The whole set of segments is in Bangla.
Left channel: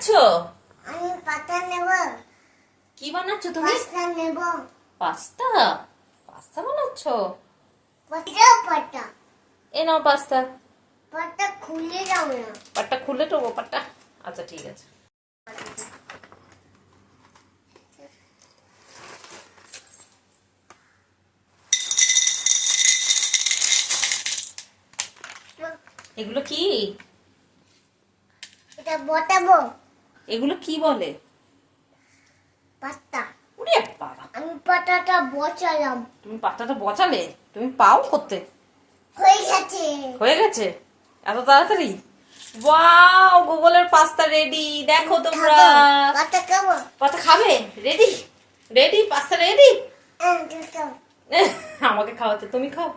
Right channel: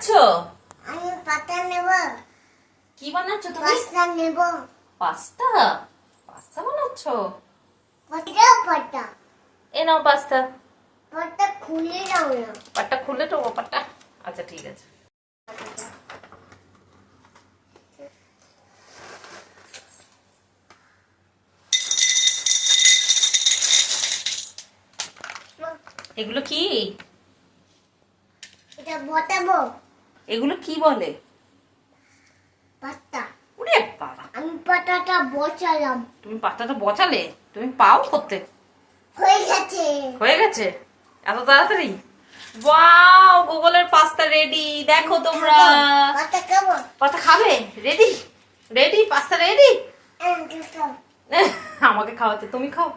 বানাচ্ছো? আমি পাস্তা নেব। কি বানাচ্ছো তুমি? পাস্তা নেব। পাস্তা? পাস্তা বানাচ্ছো? পাস্তা। এ নাও পাস্তা। পাস্তা খুলে দাও না। পাটটা খুলে তো পাটটা। আচ্ছা ঠিক আছে। এগুলো কি? এটা বটাবো। এগুলো কি বলে? পাস্তা। ওরে বাবা, আমি পাতাটা বসালাম। তুমি পাস্তাটা বসালে? তুমি পাও করতে? হয়ে গেছে। হয়ে গেছে এত তাড়াতাড়ি? ওয়াও, গুগলের পাস্তা রেডি। দেখো তোমরা। পাস্তা খাবো। পাস্তা খাবে? রেডি? রেডি? Pasta ready? খাও। আমাকে খাওয়াচ্ছে, তুমি খাও।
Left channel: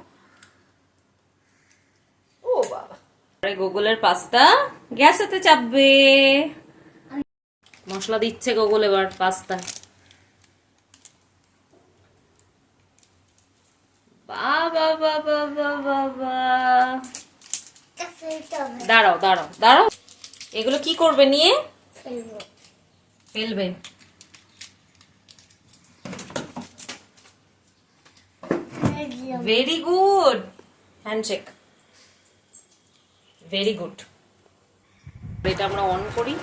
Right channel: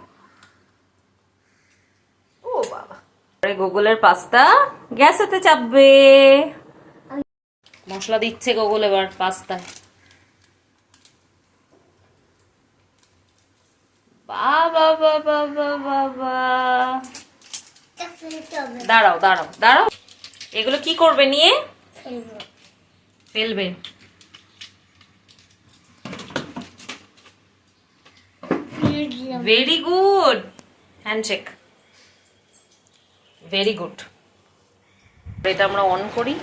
ও বাবা, গুগলের পাস্তা গ্যাসেতে চাপবে। মশলা দিচ্ছে গুগল এবার পাস্তায়। বাবা বাবা বাবা বাবা, এটা ফেলতে হবে। দাঁড়াও দাঁড়াও দাঁড়াও, এগুলো কি করবে নিয়ে? ফেলবো। ফেলবে? Very good, handshake. Very good. এটা আমরা অন করি,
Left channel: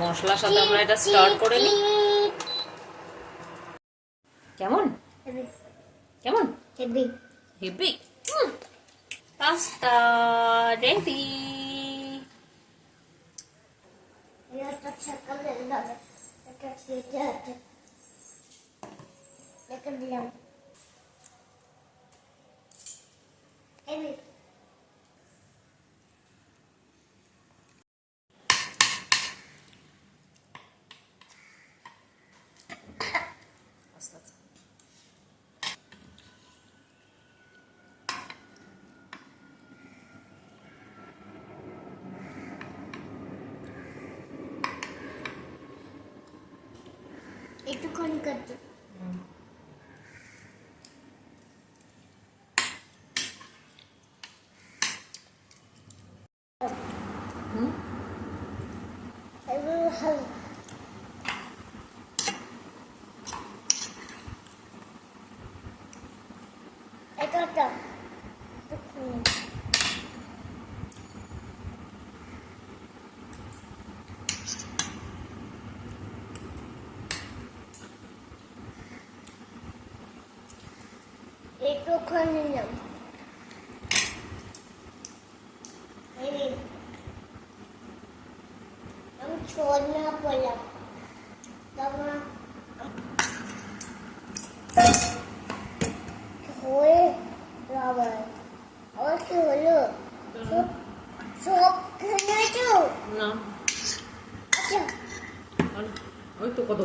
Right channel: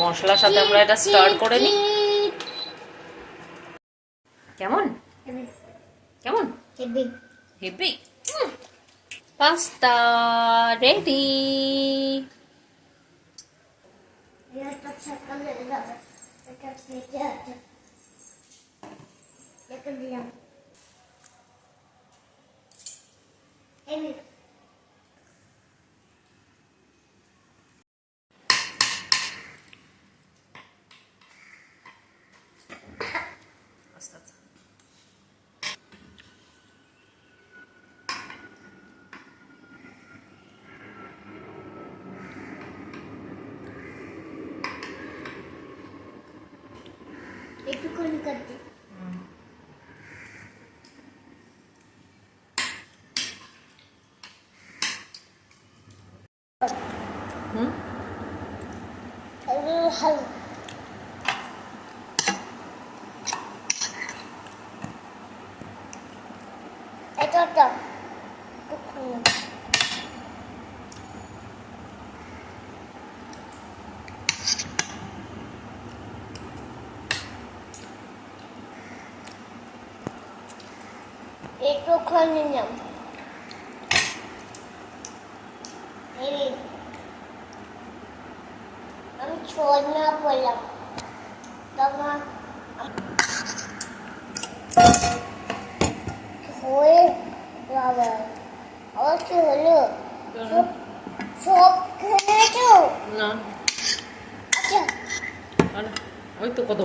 মশলার সাথে আমরা এটা স্টার্ট করে নিই। কেমন কেমন? হেভি। হেভি। Pasta ready. এটা সকালে লাগা। এটা খেতে আছে। এটা দিলাম। হেভি। আস্তে আস্তে। একটুখানি করতে। হুম, ভালো। এটা একটুখানি নাম। আমি ছোড়না পড়লাম। তখন হয়ে বাবা আবার কি হলো? সব খেলে তো। না আচ্ছা ওই তো কত